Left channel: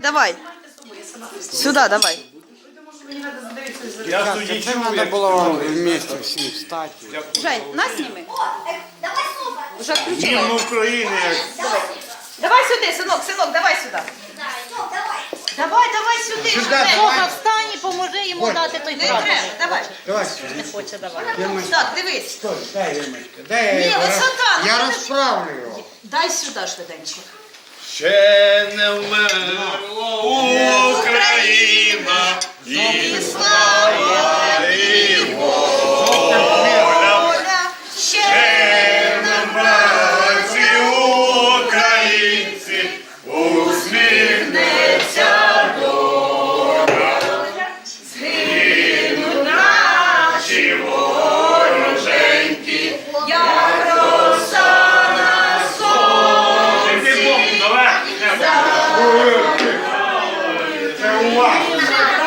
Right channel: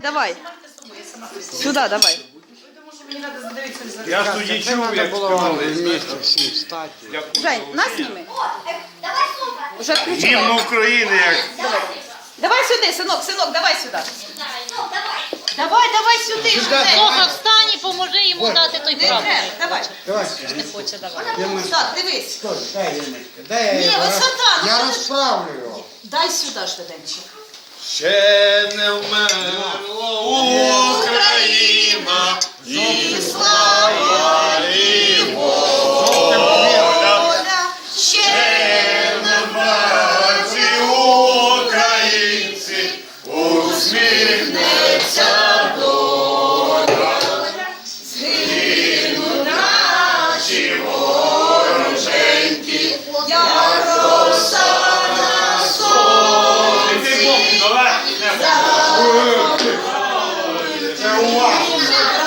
Давай. Сюда, давай. Я чув, Треба як було вместе всі встати. Жень, нас зніми. Давай сумка. Уже включи. гімн України, як Давай сюди, синок, синок, давай сюди. Ну, давай. Давай, давай сюди. Жень. Софа, встань і поможи йому дати той Не треба, давай. Давай, Не хоче давати. Ємочка, Так, дивись. стой, дай Ємочка, дай я Ні, його роз- висота, ну, Я ти ж- розправлю його. Дай сюди швиденько. ще не усміхнеться доля. згинуть наші Вороженьки, як роса на сонці. Це увага.